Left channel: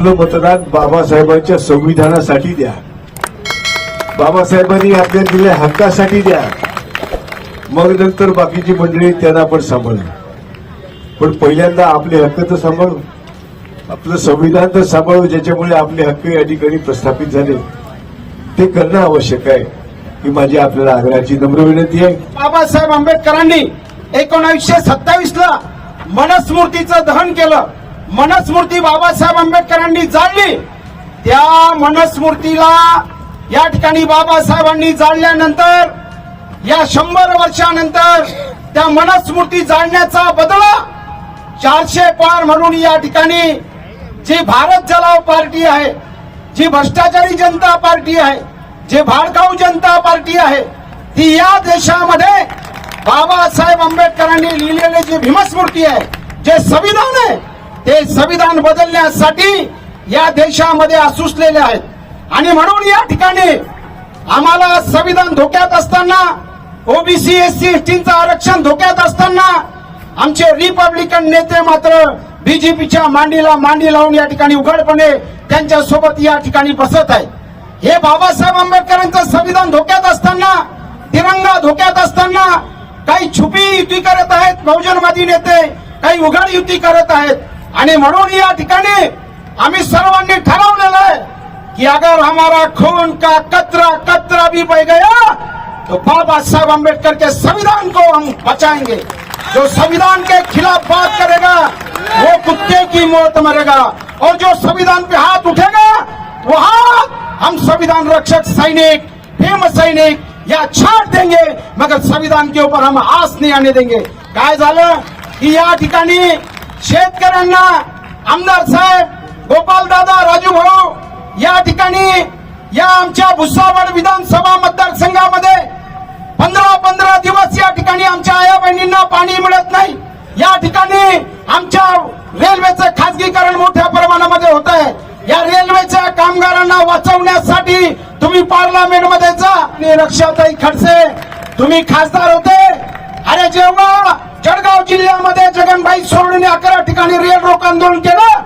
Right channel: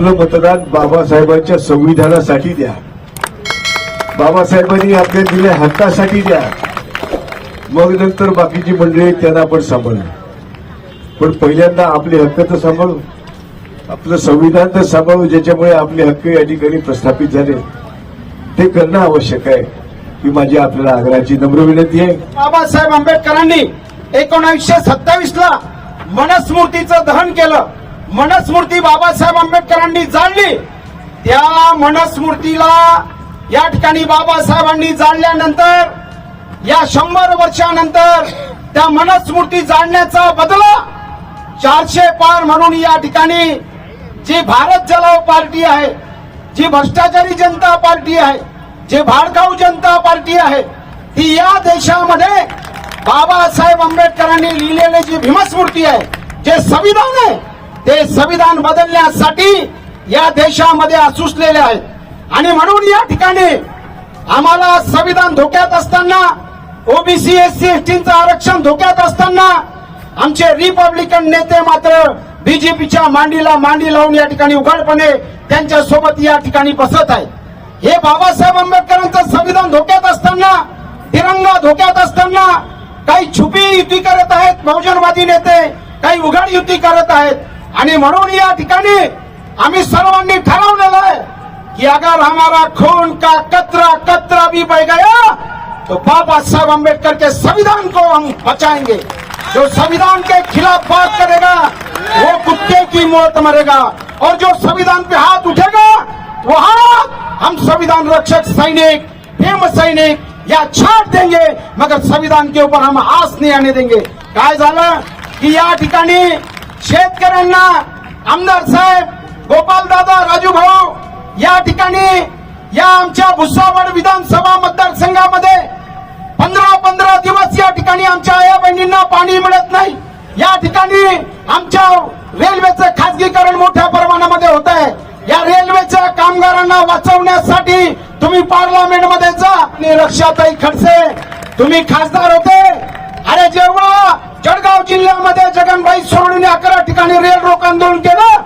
आपलं मतदान बाबासाहेबांच्या संविधानासाठी द्या. बाबासाहेबांनी आपल्या दिल्या हक्कासाठी द्या. मग नंतर बाकीची मंडळी त्यांना आपण सांभाळू पण पहिल्यांदा आपले हक्क तर सांभाळू आपलं संविधान तर सांभाळू ज्याच्यामुळे आपले हक्क या ठिकाणी प्रस्थापित झाले. ते करणं आवश्यक आहे. ही माझी आपल्याला आग्रहाची नम्र विनंती आहे. बाबासाहेब आंबेडकरांनी एकोणावीसशे सत्तावीस ला मनस्मृतीचं दहन केलं. मनस्मूर्ती बाबासाहेब आंबेडकरांनी जाळली त्या मनस्मूर्तीला या ठिकाणी बाबासाहेबांनी जाळल्यानंतर या शंभर वर्षानंतर त्या मनस्मूर्ती जाळण्याचा बदला चारशे पार म्हणून या ठिकाणी जी भारत जलाव पार्टी आहे जी भ्रष्टाचारी जनता पार्टी आहे जी भाडकाऊ जनता पार्टी आहे ती या देशामध्ये बाबासाहेब आंबेडकरांनी लिहिलेली जी भीमस्मृती आहे जे संविधान आहे ते संविधान बदलण्यासाठी या देशामध्ये असूसलेले आहेत. आणि म्हणून या ठिकाणी आम्हाला संविधान धोक्यात असताना ओबीसी एससी एसटीचं आरक्षण धोक्यात असताना आमचे रिपब्लिकन नेते मात्र बीजेपीच्या मांडीला मांडी लावून या ठिकाणी उघडपणे त्यांच्यासोबत या ठिकाणी बसत आहेत. हे बाबासाहेब आंबेडकरांचं संविधान धोक्यात असताना तिरंगा धोक्यात असताना काही छुपी युती करत आहेत बहुजनवादी नेते काही उघड युती करत आहेत. आणि म्हणून या अगर हमारा खून का कतरा कतरा भी बह गया तो बाबा साहब अंबेडकर के संविधान को हम बचाएँगे। जो संविधान के खिलाफ बात करेगा, वो कुत्ते की मौत मरेगा। और जो संविधान पे हाथ उठेगा वो हाथ हम संविधान रक्षक सैनिक, भीम सैनिक, या छाट देंगे, मगर संविधान के ऊपर हम आस नहीं आने देंगे। काय झालं की या ठिकाणी शेतकऱ्यांना आमदार साहेब गोपालदादा राजू भाऊ या ठिकाणी या आमच्या भुसावळ विधानसभा मतदारसंघामध्ये पंधरा पंधरा दिवस या ठिकाणी आमच्या आया बहिणींना पाणी मिळत नाही. या ठिकाणी आमच्या रेल्वेचं खासगीकरण मोठ्या प्रमाणामध्ये होत आहे. या रेल्वेच्या कामगारांना वाचवण्यासाठी तुम्ही पार्लमेंटमध्ये जा आणि लक्षातही खडसे. तुम्ही खासदार होते. अरे जेव्हा जिल्ह्यामध्ये जगनभाई सोडून अकरा ठिकाणी रेल रोक आंदोलन केलं.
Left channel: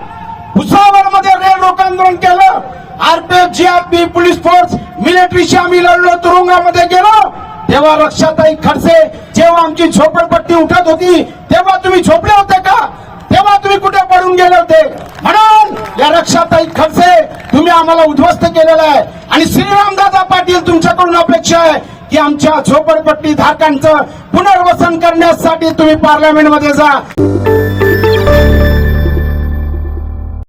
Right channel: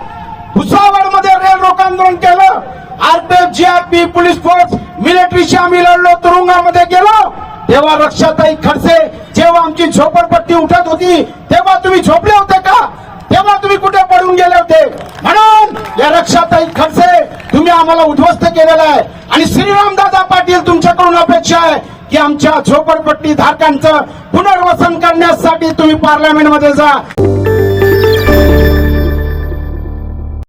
भुसावळमध्ये रेल रोक आंदोलन केलं. आरपीएफ जीआरपी पोलीस फोर्स मिलिटरीशी आम्ही लढलो तुरुंगामध्ये गेलो. तेव्हा रक्षाताई खडसे जेव्हा आमची झोपडपट्टी उठत होती तेव्हा तुम्ही झोपले होते का? तेव्हा तुम्ही कुठे पडून गेले होते? म्हणून या रक्षाताई खडसे तुम्ही आम्हाला उद्ध्वस्त केलेला आहे. आणि श्रीरामदादा पाटील तुमच्याकडून अपेक्षा आहे. की आमच्या झोपडपट्टी धारकांचं पुनर्वसन करण्यासाठी तुम्ही पार्लमेंटमध्ये जा.